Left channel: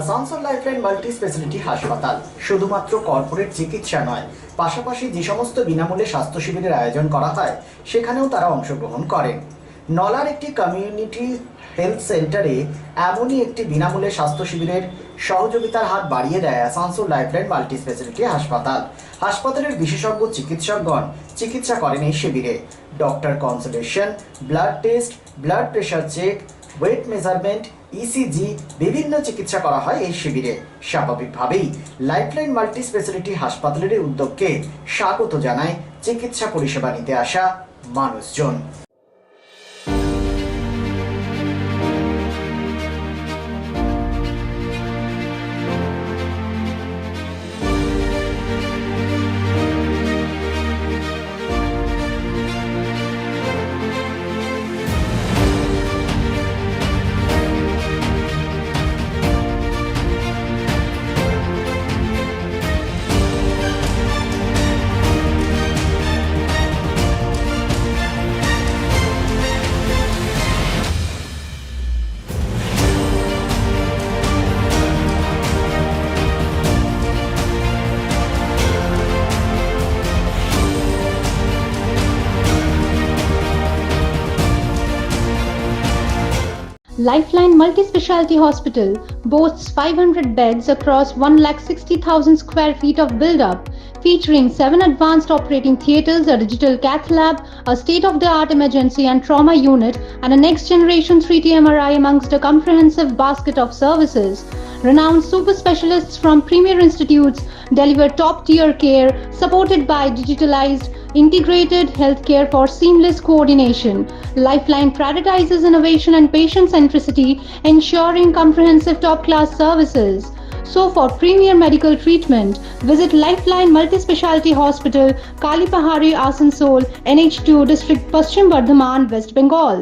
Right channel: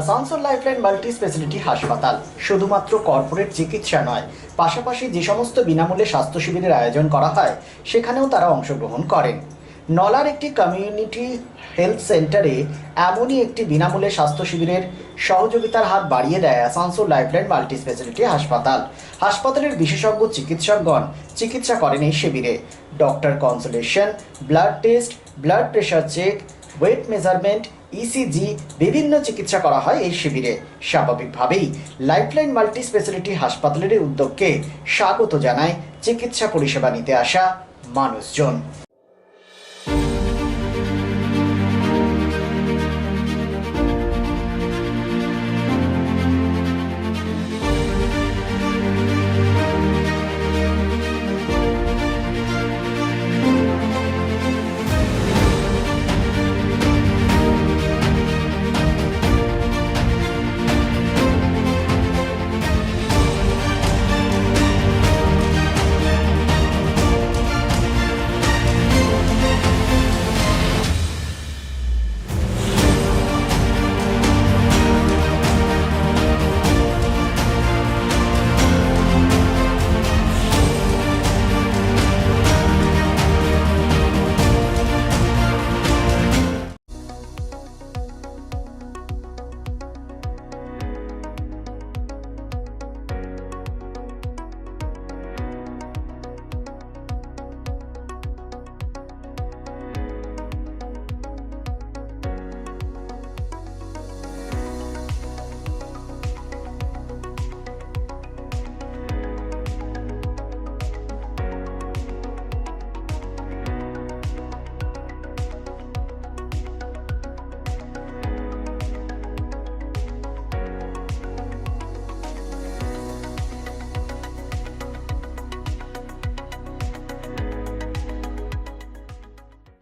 Asansol lifeline multi speciality হাসপাতাল শুধুমাত্র কর্পোরেট চিকিৎসা নয়, পাশাপাশি যে সমস্ত বিনামূল্যে স্বাস্থ্য শিবিরের আয়োজন করা হয় সেখানেও তারা অংশগ্রহণ করেন। নলার একটি কমিউনিটি হেলথ সেন্টারে এমনই একটি বিনামূল্যে স্বাস্থ্য শিবিরের সহযোগিতার হাত বাড়িয়ে দেয় আসানসোল লাইফলাইন মাল্টি স্পেশালিটি হাসপাতাল। হাসপাতালের বিশেষজ্ঞ চিকিৎসকগণ চিকিৎসা করেন এই শিবিরে। Doctor consultation, blood test, blood pressure check, weight measurement, ECG বিভিন্ন চিকিৎসা করা হয় এই শিবিরে। স্বাভাবিকভাবেই লাইফলাইন মাল্টি স্পেশালিটি হাসপাতালের এই উদ্যোগকে স্বাগত জানায় চিকিৎসা পরিষেবা নিতে আসা মানুষজন। Lifeline Multi-Speciality Hospital boasts 500 beds across 160,000 square feet of build-up, featuring 7 advanced operating theatres, a digital cath lab, a state-of-the-art emergency and trauma unit, and a next-generation 3D MRI amongst a comprehensive basket of services. Renowned super specialists from premier institutes deliver top-tier care, supported by digitalized, integrated healthcare for seamless coordination. Lifeline prioritizes innovation and patient centricity, ensuring comprehensive top-class services. So for premier medical treatment, visit Lifeline Multi-Speciality Hospital, Kalipahari, Asansol, NH2 District, Paschim Bardhaman, West Bengal.